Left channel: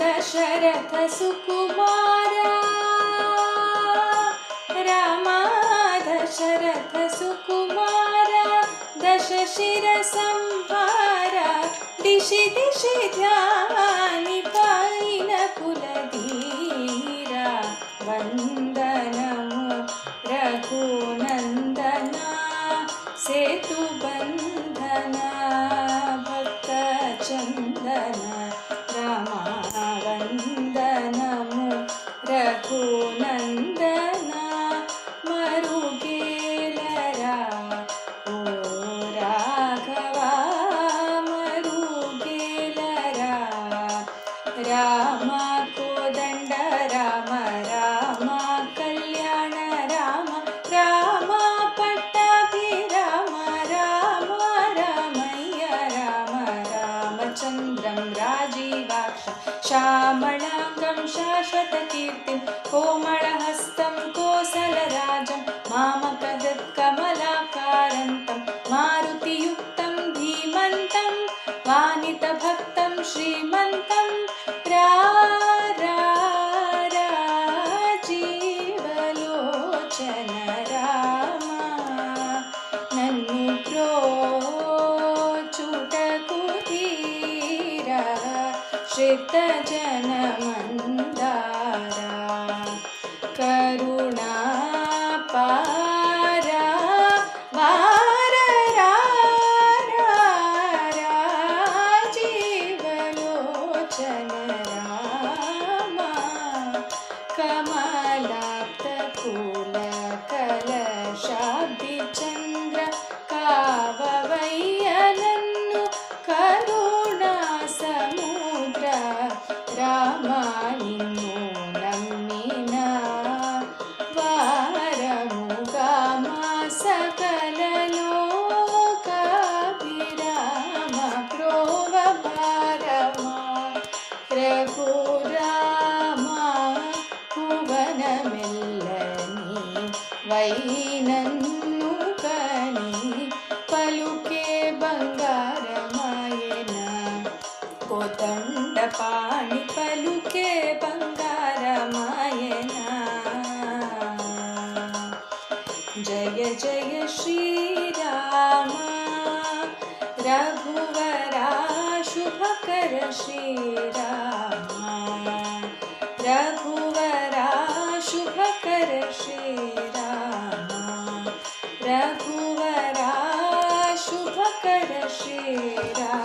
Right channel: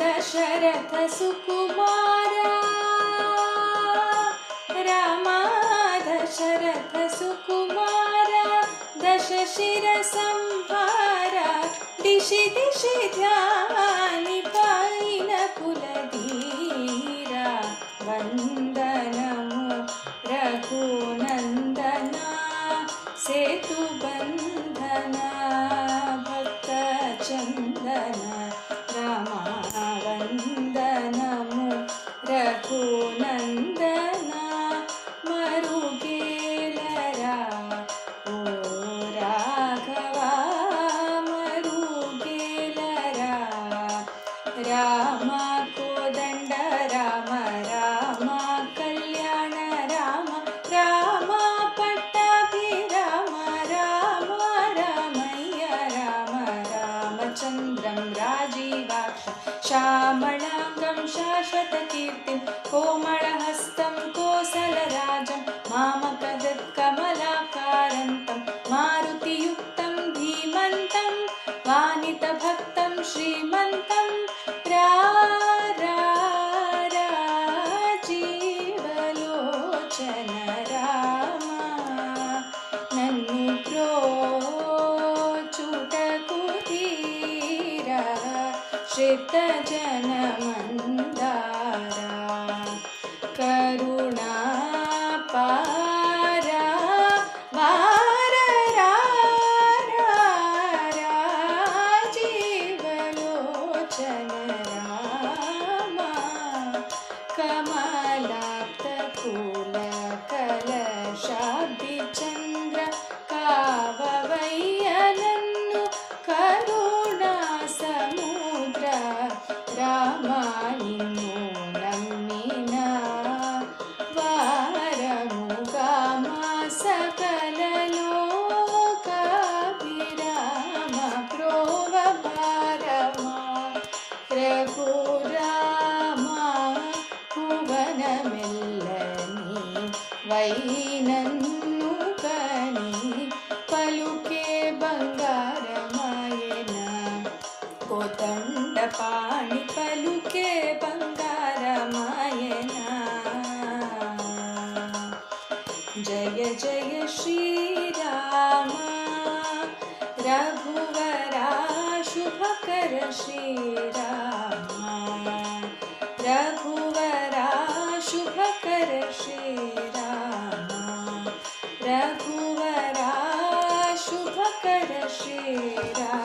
दशरथ सुकुमारा रामा दशरथ सुकुमारा दशशिरसंहारा दिशि दिशि ध्यानि पायिन कुलधीरा वंदनमु रघुनंदना सेतुबंधना भक्तचंदना रामा वंदनमु रघुनंदना मरुगेलरा ओ राघवा मरुगेलरा राम कोदंड राम राम कल्याण राम राम पट्टाभिराम राम रामయ్య राम रामचन्द्रं राजीवाक्षं श्यामलांगं शाश्वतकीर्तिं कोमलहस्तं कोसलराजं मामकहृत्कमलाकान्तं मारुतियुक्तं धीमन्तं वानितभक्तं श्रीमन्तं राजीवलोचन राम नन्नु प्रोचुटकु धीरा श्रितजनमन्दारा करुणापारा राजीवलोचन राम कमलाप्तकूलकलशाब्दिचन्द्र काववय्य नन्नु करुणा समुद्र राम निन्नु नम्मिन वारमुगा मा सकल लोकाभिराम प्रोव भारमा रघुराम भुवनमेल्लनी वैनन्नु कनि पलुके बंगारमायेन कोदंडपाणि पलुके बंगारमायेन जय जय श्रीराम रघुवरा शुभकर श्रीराम रघुवरा शुभकर श्रीराम रघुवरा शुभकर श्रीराम।